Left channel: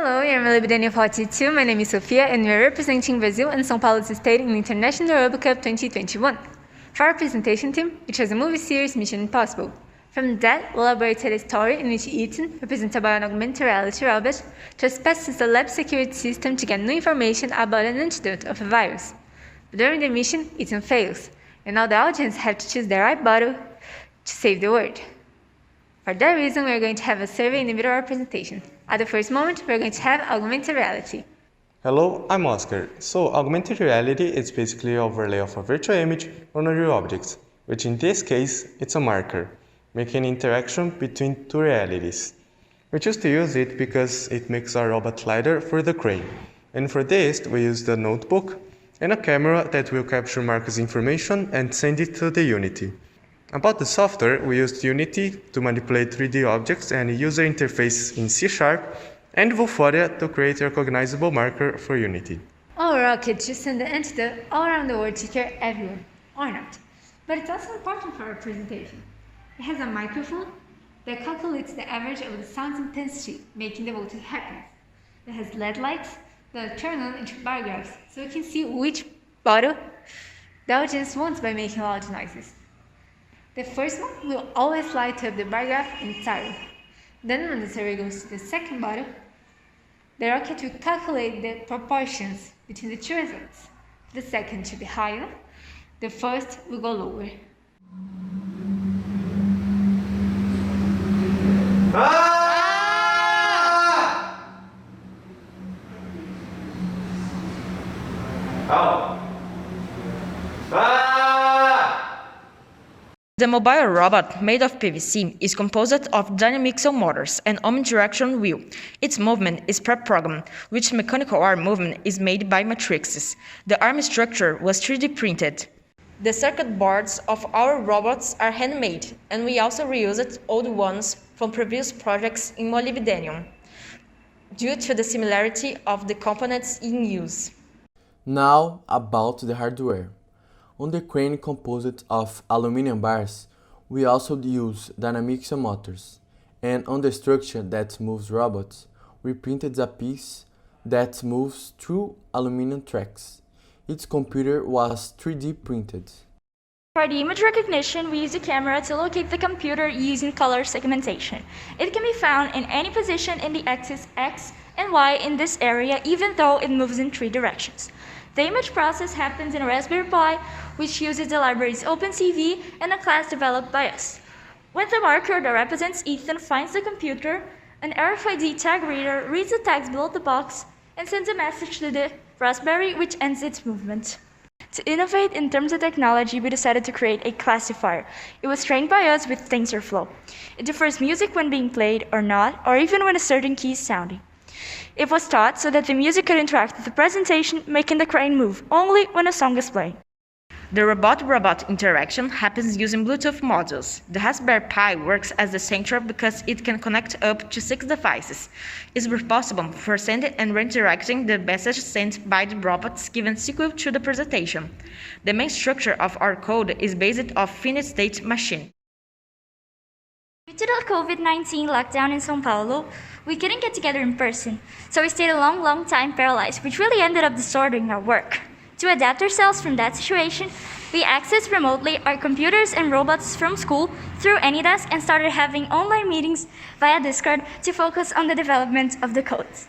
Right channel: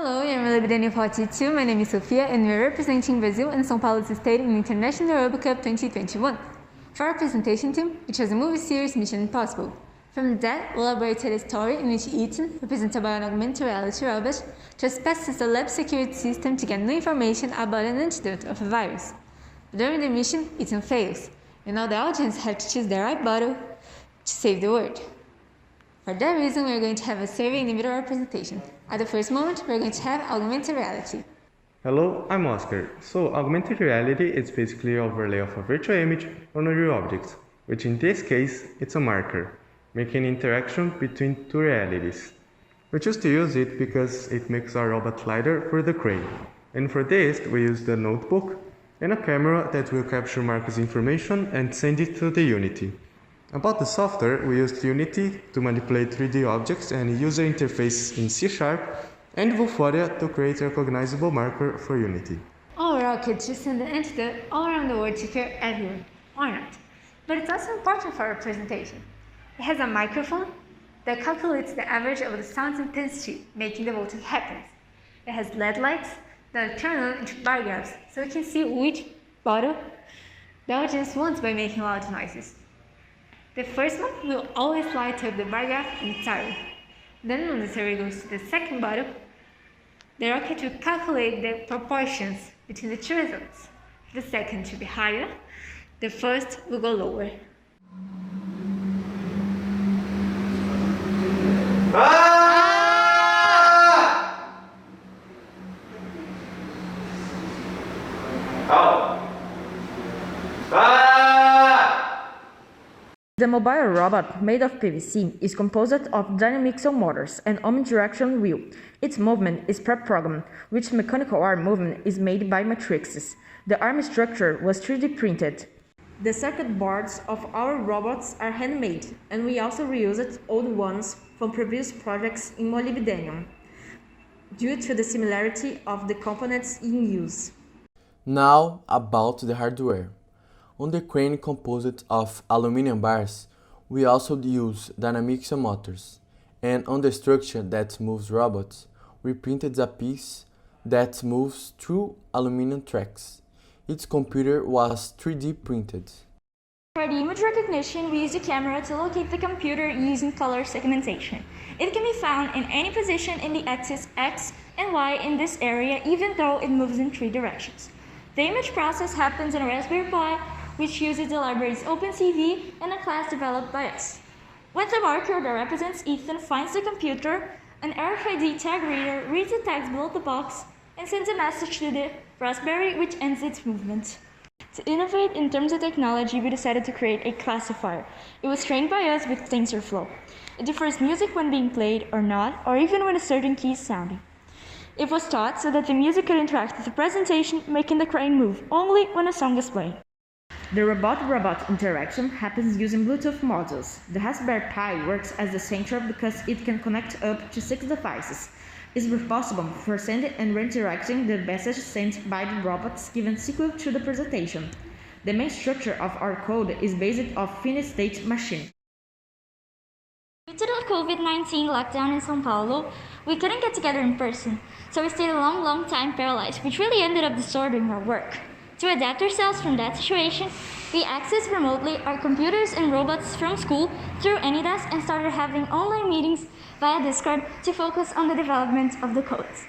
Hello, I'm MOLIBDêNIO 42. My name is Sofia and we are representing Brazil and São Paulo's state in the International RoboCup 2021. For our presentation team, it was a movie series Mission Impossible. From that, we elaborated a story in which Ethan, represented by an augmented reality robot, trespasses the lab security system to get new information about an antidote of a virus. But during the mission, Ethan fails, and now the audience have to choose the right bottle to save the world. For that reason, we are going to have a survey in the middle of our presentation. At the first moment, we are going to have augmented reality. Hello, I'm Oscar. So, augmented reality is basically an overlay of a virtual image on a real object, which in this case, it's a marker, making an interaction between two realities. We choose to use it because it makes our robot lighter for the crane. And for this, we use the notebook and a camera that will capture Marcus' information and send it to the Unity. About the software, we used Unity to manipulate 3D objects and a user interface in C# and Vuforia to create a recognizable marker for Unity. Our rocket should send the antidote all around the world to cure everyone, or not. But it's also important for our presentation. It has a microphone that calculates the average of the sound's intensity, making the voting happen. It has LED lights that turn on into bar graphs, so we can see which bottle the audience wants by making loud noises. The first one will always light up the bar graph entirely. Then when the survey goes to the second bottle, the rocket will calculate the proportions between the two results. The second should be higher, the first will go lower. The mobile robot, made of PVC, is composed of dynamic motors and omnidirectional wheel. Its movement is pre-programmed, which mechanical arm movement is made by matrices. The arm structure was 3D printed. The circuit boards of our robots are handmade, and we also reused old ones from previous projects in MOLIBDêNIO, due to the similarity of the components in use. Now about the hardware. On the crane composed of aluminum bars, we also use dynamic motors, and on the structure that moves robots, we printed a piece that moves through aluminum tracks. Its computer was 3D printed. For the image recognition, we use a camera to locate the computer using color segmentation. It can be found in any position in the axis X and Y in this area, even though it moves in 3 directions. The image process happens in a Raspberry Pi, which uses the libraries OpenC.V and a class developed by us. When the marker that represents Ethan finds the computer, an RFID tag reader reads the tags below the box and sends a message to the Raspberry, which ends its movement. To innovate in terms of technology, we decided to create a classifier. It was trained by us with TensorFlow. It differs music when being played or not, or even when a certain key is sounding. It was taught so that the music could interact with the presentation, making the crane move only when a song is playing. The robot-robot interaction happens using Bluetooth modules. The Raspberry Pi works as the central because it can connect up to 6 devices. It is responsible for sending and redirecting the message sent by the robots given sequel to the presentation. The main structure of our code is based on finite state machine. Due to the COVID-19 lockdown in São Paulo, we couldn't get together in person, so we stayed a long time paralyzed, which really ended up distorting our work. To adapt ourselves from that situation, we accessed remotely our computers and robots from school through AnyDesk and started having online meetings via Discord to focus on the development of the codes.